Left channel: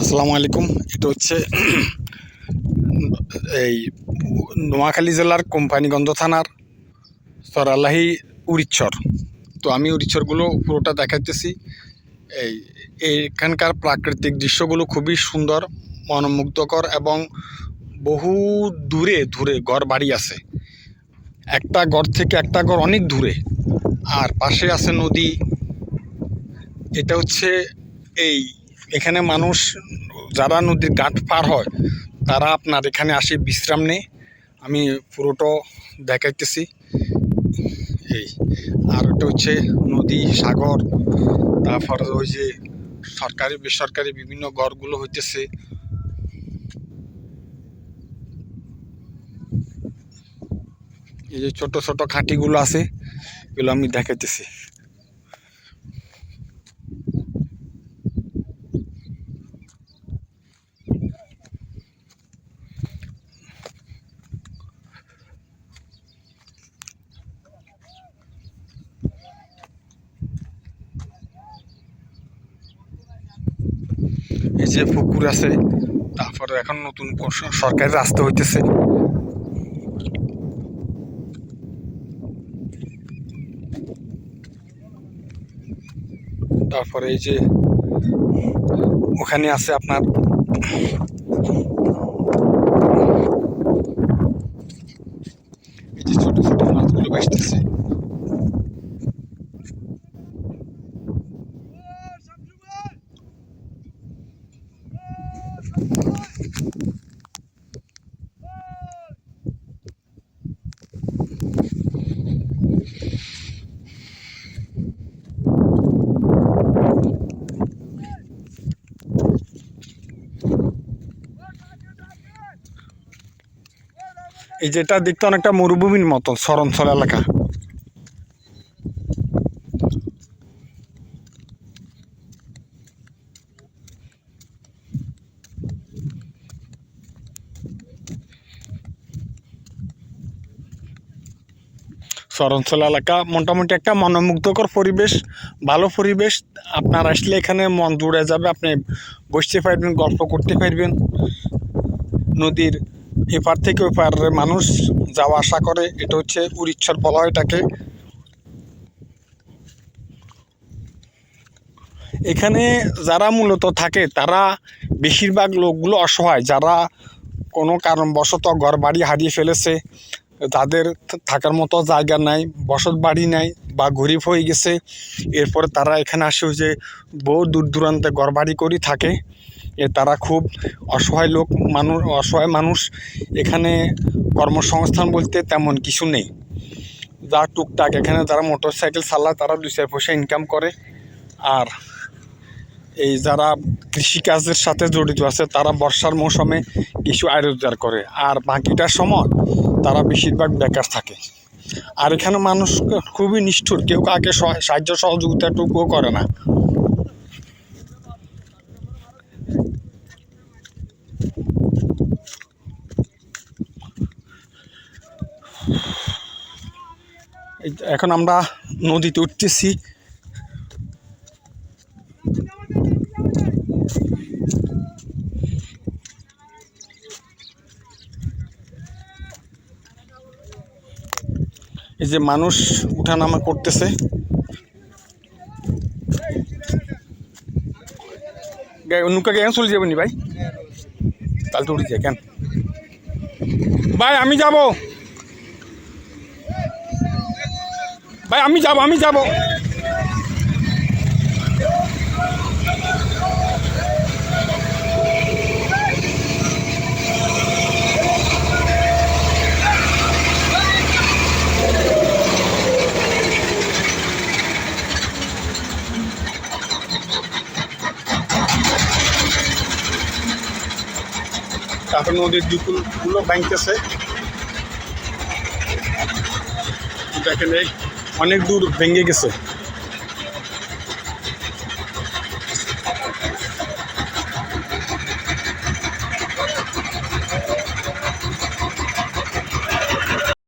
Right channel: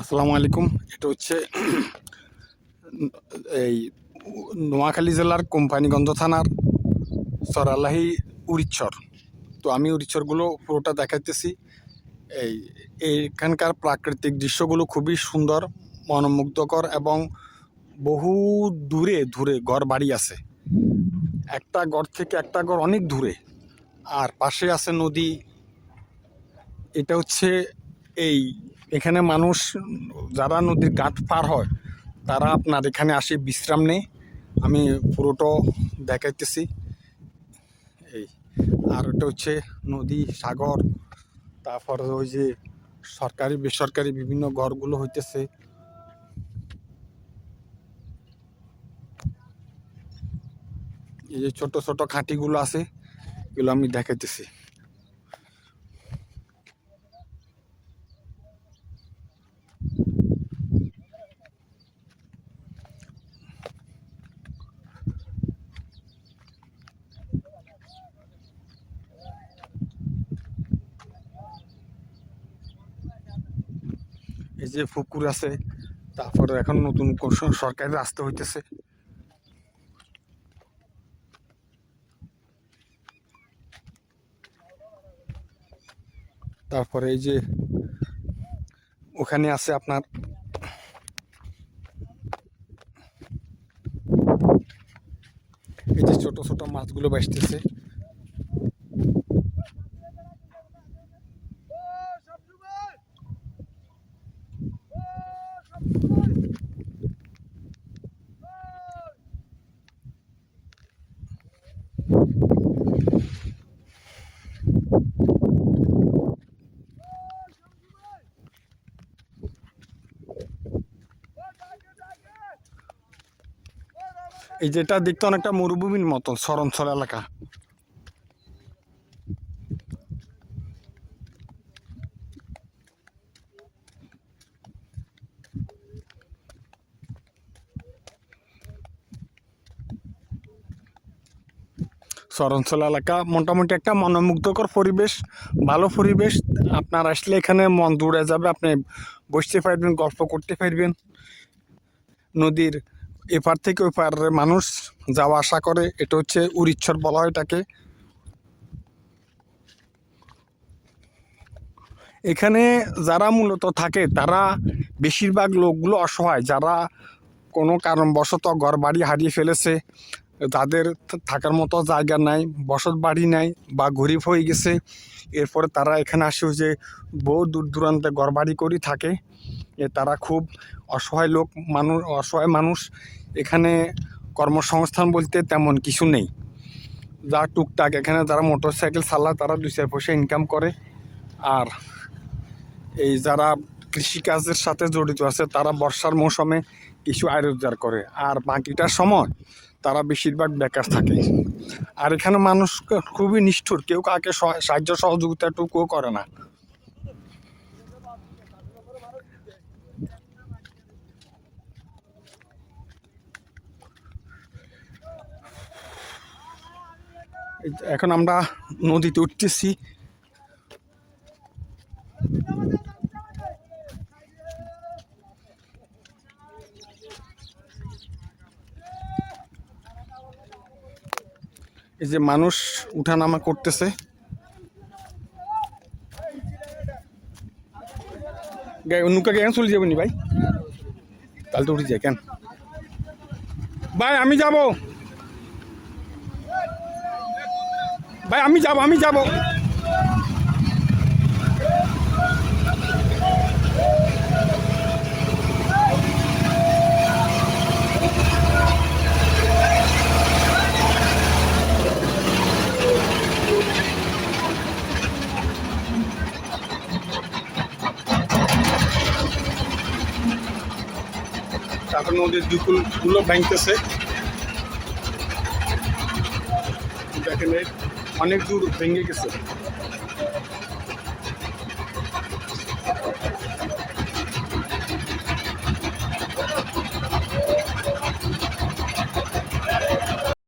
আসসালামু আলাইকুম। এটা হচ্ছে এই নোয়াখালী জেলার কোম্পানিগঞ্জ থানার সরালাহি উরিচ্ছর। তো আমি উরিচ্ছরগুলো পুরোটা দেখাইতেছি। এই এইখানকার প্রাকৃতিক দৃশ্যগুলো খুবই সুন্দর, মনোমুগ্ধকর এবং বহু দূরে দূরে ঘর বাড়ি আছে। একটা ঘর থেকে একটা ঘর অনেক দূরে, আর পাশে আছে নদী। এটা হচ্ছে এখানে মানুষ যারা নদীর ঘাট পার হয় তারা আপনার এখানে আসে বিশ্রাম নেয়। আমি পুরোটা দেখাইতেছি। আর এটা হচ্ছে নদী, সাগর, তারপর ওই যে সরকারি বেসরকারি বিভিন্ন ঘরগুলো হইতেছে। এই যে ছোট ছোট খাঁটিগুলো আছে, এগুলো আমি দেখাইতেছি। এই যে পুকুর আছে, তারপরে এখন নতুন সরকারি রাস্তা হইতেছে। তারপরে এই যে ওখানে আছে আপনার এই যে ছোট ছোট মাছগুলো ভাসতেছে। এই যেটা দেখতে অনেকটা মরুভূমির মতন, শরণখল এলাকা। শরণখল এলাকা মোটামুটি একটা মনোমুগ্ধকর পরিবেশ, ভালো পরিবেশ। আপনার আসলে এখানে মন জুড়ে যাবে, আপনি বসতে পারবেন, গল্প করতে পারবেন। নদীর এপার থেকে ওই পারে মানুষ যাওয়া আসা করে। এটা হচ্ছে উরিচ্ছর বলা হয় এটাকে। এখানে যারা মূলত থাকে তারা বেশিরভাগ লোকগুলো অসহায়, যারা কোনো কারণবশত ঘর বাড়ি হারিয়ে ফেলেছে, তাদের থাকার মতো জায়গা নাই, বসত বাড়ি নাই বা গরিব হয়ে গেছে। এরপরে তারা এখানে আসে যে বহু দূর দূরান্তে ঘর বাড়ি করে থাকে। তারা খুব অসহায় অসহায় মানুষ। এখানে কর্মসংস্থান বলতে তেমন কিছু নেই। যা টুকটাক এখানে যারা মোটর সাইকেল চালায় তারা 2-4 পয়সা ইনকাম করে। আর এই যারা কৃষিকাজের সাথে জড়িত আছে তারা বর্ষার মৌসুমে কিছু আয় রোজগার করে, আর বাকিটার সময় তারা বেশিরভাগ বেকার থাকে। আর এখানে মানুষ খুবই নিষ্ঠুর, কেউ কাকে সাহায্য সহযোগিতাটুকুও করে না। এখন আমরা নদীতে উঠতেছি। এই যে মানুষ উঠানামা করতেছে। নৌকা কেন চলে যাবনি ভাই? তাহলে তো উঠে যায় কেন ভাই? আমি যাব ভাই, আমি যাব। তারপর নদীর দুকুলগুলো ভাঙতেছে। দেখেন অনেক দূর ভেঙে গেছে।